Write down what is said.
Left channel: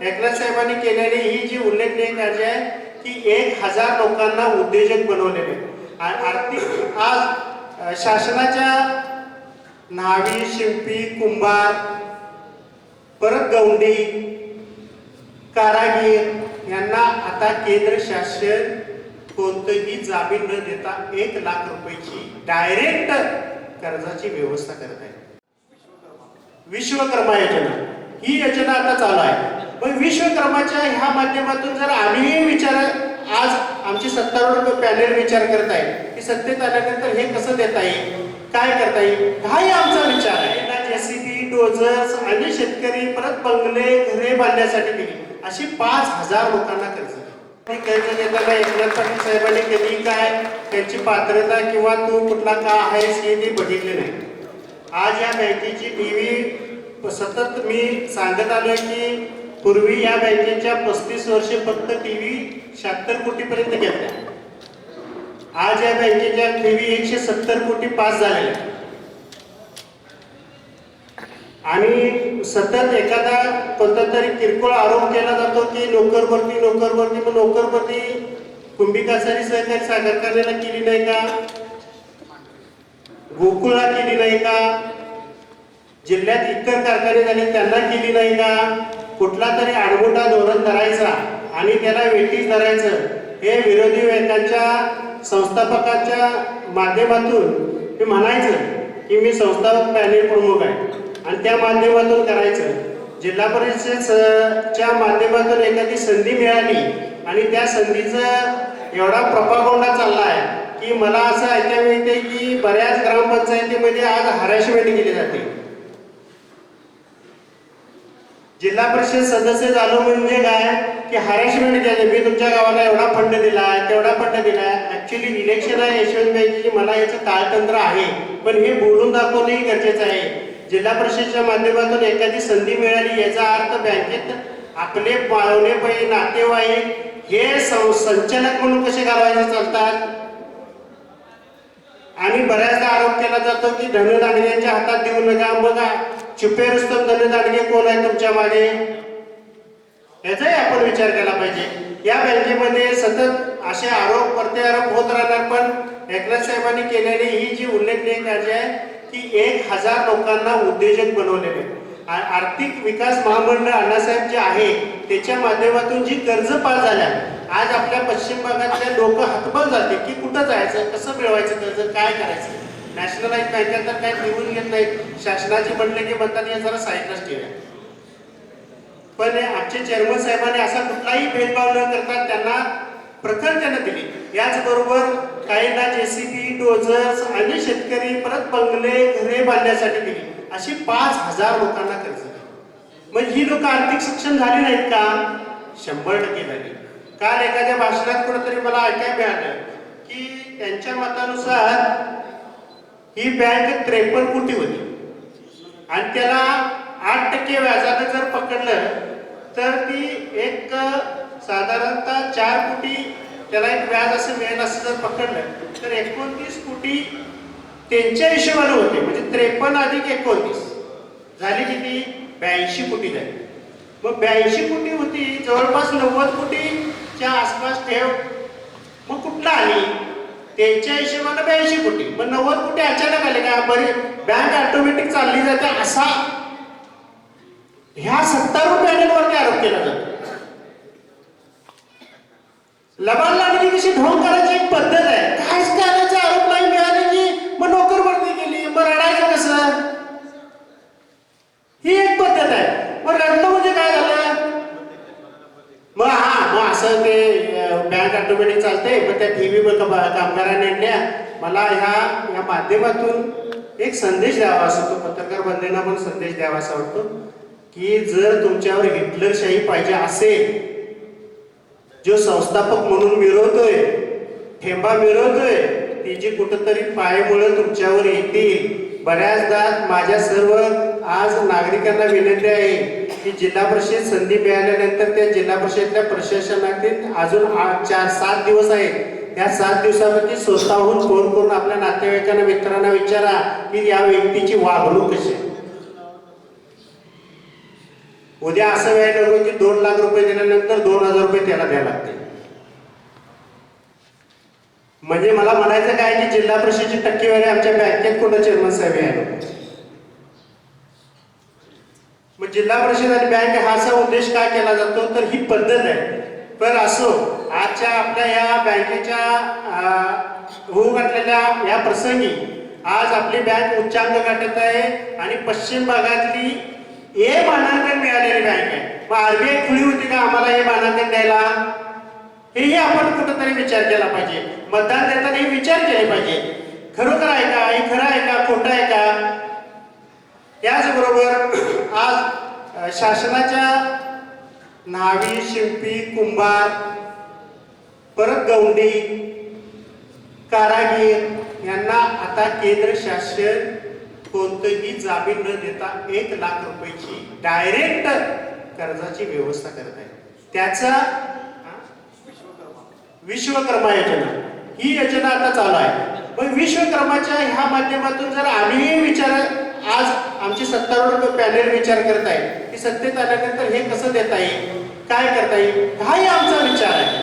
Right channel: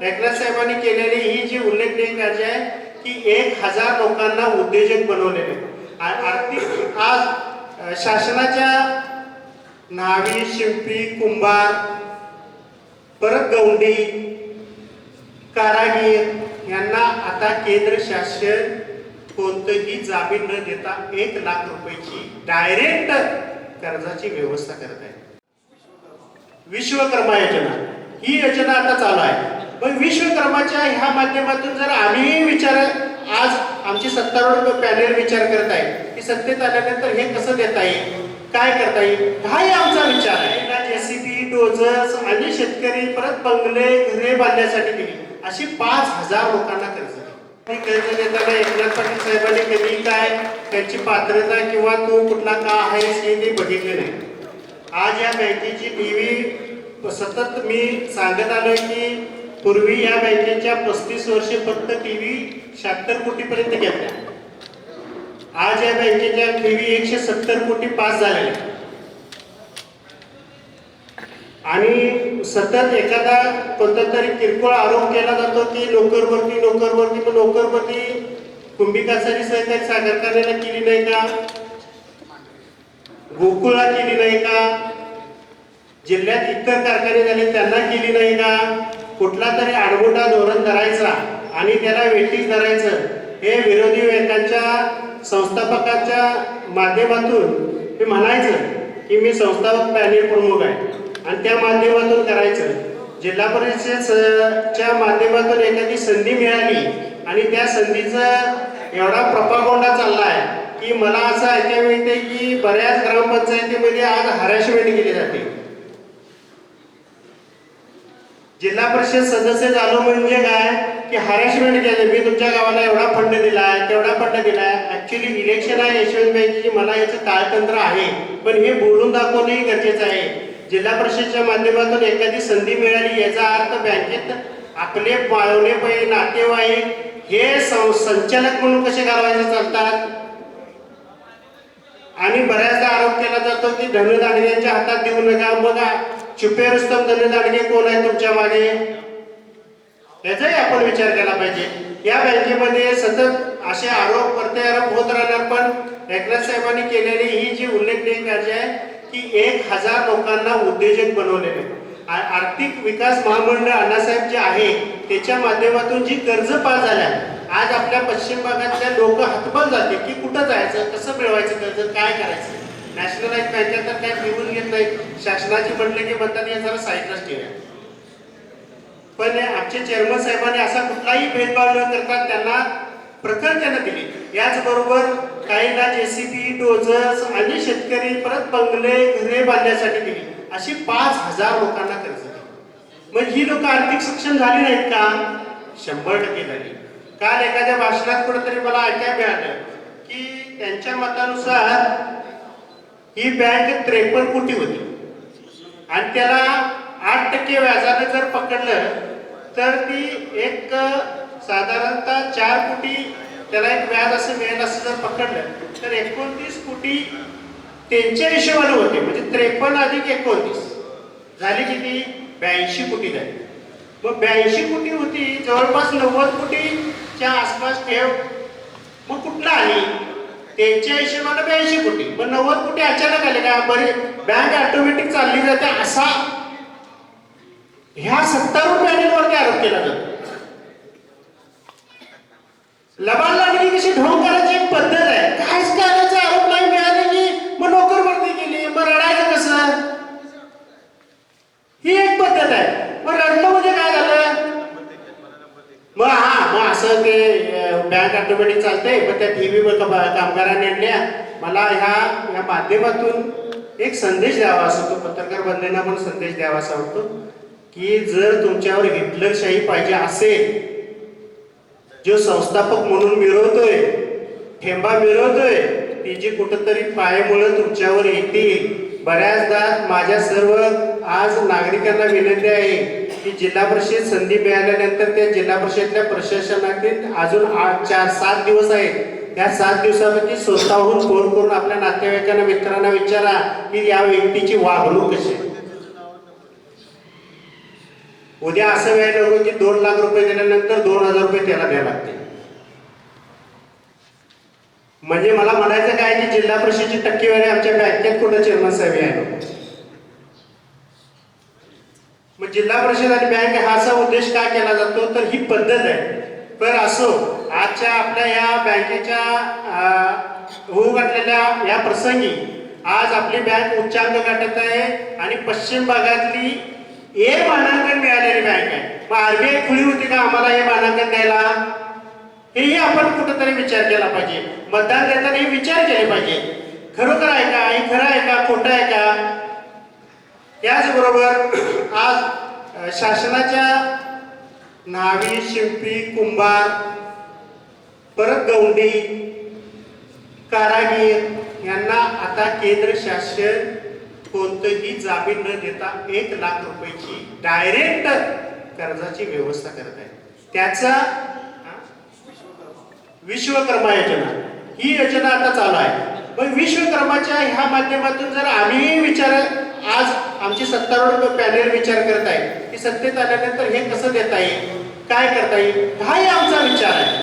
एकनाथ साहेबांनी केलेली ही जी उल्लेखनीय कार्य आहे की एक हजार लोकांना उद्योजक बनवलेले. आर्थिक आज शासनाच्या न्हावी शिंपी कुंभार परत गौंडी कारागीर यांना आता केंद्र शासन कोणतंही जामीन न देता एक लाख रुपयाची डायरेक्ट कर्जाची व्यवस्था करत आहे. विश्वकर्मा योजना. ही योजना आता चालू आहे. मग विश्वकर्माच्या ह्या माध्यमातून जर आम्ही विचार आज आमची सत्तारूढ पॅनेल विचार करत आहे की सत्तेत आल्यानंतर हे कसं देता येईल? काय करता येईल? हाही आमचा विचार आहे. जेसीबी डोजर्स आणि शेतकरी परत बंगले घरे बांधण्यासाठी दिली अशी पाच हजार लोकांना कर्ज कर्ज देताना एकनाथ पाटील साहेबांनी कधी काय त्यांची पात्रता किंवा तो कुठला का आहेस हे ते बघितले नाही. आज या बँकेची टीव्ही सतत मी सांगत आलोय की पूर्वी या बँकेच्या पस्तीस वर्षे फक्त टीव्ही शहात्तर कोटी पर्यंत घेतल्या आज या बँकेच्या टीव्ही एकशे सत्तर कोटी पास झालेल्या आणि सतत एखादा कोणता तरी किरकोळ आरोप केला जातो की नोकरवरती नोकरवरती मग नोकरवरती कुंभिकासारी सहकारी साखर करण्याला केली नाही का? गोकुळा केली नाही का? जिल्ह्यात इतर कारखाने झाले त्यांना केली नाही का? कुठला तरी आडमोठा धोरण धरायचा आणि त्याला वेटीस धरायचं हे विरोधी नेत्यांच्या संस्थापकाच्या माध्यमातून हे म्हणायचं की मी संस्थापक पॅनेल प्रमुख आहे. आणि त्या माध्यमातून करायचं. जिल्हा परिषदच्या माध्यमातून एखादी संधी मिळाली आणि त्या संधीचा एवढा प्रपागोंडा चालला आहे की मला असं ऐकायला मिळते की बऱ्याच ग्रामपंचायतीमध्ये आज हॅरॅशमेंट केली जाते. जिल्हा परिषद सदस्य झालो म्हणजे काय? की हॅरेसमेंट केले. मी तुमच्या गावाला एवढा फंड दिलाय तेवढा फंड दिलाय. ऍक्च्युली इलेक्शन आहे यशवंत बँकेची मला याचं ताळतंत्र आहे. पण हे बोलून दाखवणंही गरजेचं आहे. जिल्हा परिषदच्या माध्यमातून एखादी संधी मिळाली याचा अर्थ बँकेत आपले पाळवले पै नातेवाईक हे सं- संचालक म्हणून कसे घालवायचे चालतात? आणि बऱ्याचदा आरोप केला जातो की धनु यांच्या हातात देऊ नका. बघा छुपे रुस्तम धनु दांडगे कोण आहे तुमच्या मागे? याचाही आपण विचार केला पाहिजे. या बँकेमध्ये सतत असे आरोप प्रत्यारोप होत राहणार पण एकनाथ साहेबांनी केलेली ही जी उल्लेखनीय कार्य आहे की एक हजार लोकांना उद्योजक बनवलेले. आर्थिक विकास महामंडळ अण्णासाहेब जे आहे त्याच्या माध्यमातून जी कर्ज पास झाल्या आज आपल्या पश्चिम भागातल्या लोक हतबल जाते की कुठं जायचं कसं मिळवायचं कर्ज काय करायचं? नॅशनलाइज बँकेत तर काय पिऊन घेत नाहीत. शासनाची म्हटले की म्हणतात हे जरा साईडलाच ठेवा. पण आमचे चेअरमन साहेबांनी असा कुठलाही भेदभाव न करता त्यांना प्रखर त्यांना दिली. याचबरोबर काहींना जेसीबी डोजर्स आणि शेतकरी परत बंगले घरे बांधण्यासाठी दिली. अशी पाच हजार लोकांना कर्ज दिली. मग ही लोक आर्थिक सक्षम झाली नाहीत का? शंभर टक्के झाली. काल एखाद्या भाषणात कुठेतरी मला ऐकायला मिळालं की त्यांच्या मतानुसार ही बँक त्रेपन्न कोटी होती. आणि त्याला आठ टक्के व्याजानं जर पकडलं तर ती एक साधारणतः चार कोटी त्याला एक व्याज असं मिळेल असं जर पकडलं तर एकोणतीस कोटी त्यांच्या हिशोबाने होते. म्हणजे त्रेपन्न अधिक एकोणतीस. झाली किती? ब्याऐंशी कोटी झाली. मग ब्याऐंशी कोटी होती जवळपास नव्वद कोटीच्या आसपास ठेव. मग कुठला आली? त्यांच्या हिशोबाने ब्याऐंशी कोटी. मग नव्वद कोटी अचानक आले का? बरी बँक ऑटोमॅटिक चालली जाते असा ह्या सत्तारूढ पॅनेलवरती आरोप केला जातो. लबाड लागली कशी? ढोंग करायची एक पद्धत आहे काहीच करायचा आरोप नाही मिळाले की मग नोकर भरती केली मग रडायचं कसं ही एक पद्धत आहे मग रडलं म्हणजे काय झालं मग हा मग असं ते बँक ऑटोमॅटिक चालते पण त्या टीव्ही कामगारांनी आणल्या मला ह्या या माध्यमातून एक संदेश द्यावा असं तो पत्रकार बंधूंना पण संदेश द्यावा असा वाटतो. की जर तुमच्यावर हिटलरशाही पाहिजे असेल जो संस्थापक म्हणून मिरवतोय ठेंबा मिरवतोय तिची कुठंतरी पायमुळं तुमच्यावर येतील बऱ्याचदा माझ्या सर्व आज नागरिकांना विनंती आहे की जिल्हा परिषद संधी मिळाल्यानंतर त्या जिल्हा परिषदच्या प्रशासनातील अजून आठ चार सात दिवस आहेत. या सात दिवसामध्ये स्वतःहून फोन करून आपल्या नातेवाईकांना मित्रांना विचारा की या व्यक्तीची वागणूक कशी आहे. उद्या असं वेळ नको की दोन लाख रुपये दिल्यानंतर दोन हजार रुपये त्याला द्यायला लागते म्हणजे मला म्हणायचं काय की जिल्हा परिषदेची टक्केवारी आमच्या बँकेत कुठं चेअरमन साहेब आहे मग जिल्हा परिषद आणि बँक हा असा उद्देश का केला जातो? तर ही पद्धत आहे. पण असो आजच्या आपल्या या बँकेच्या होऊ घातलेल्या या प्रसंगी आज आपली बँक उच्चांक गाठत आहे आणि पश्चिम भागातली ए मानांकन मिळालेली बँक आहे. मग आरबीआय खुली होती का आम्हाला हे मानांकन द्यायला? हेही आपण कुठंतरी विचार केला पाहिजे. मतदान देताना हे विचार केले पाहिजे. खरोखर आहे का? हे खरं आहे का? खोटं आहे का? याचबरोबर आज शासनाच्या न्हावी शिंपी कुंभार परत गौंडी कारागीर यांना आता केंद्र शासन कोणतंही जामीन न देता एक लाख रुपयाची डायरेक्ट कर्जाची व्यवस्था करत आहे. त्याचा विश्वकर्मा योजना. ही योजना आता चालू आहे. पण विश्वकर्माच्या ह्या माध्यमातून जर आम्ही विचार आज आमची सत्तारूढ पॅनेल विचार करत आहे की सत्तेत आल्यानंतर हे कसं देता येईल काय करता येईल हाही आमचा विचार आहे.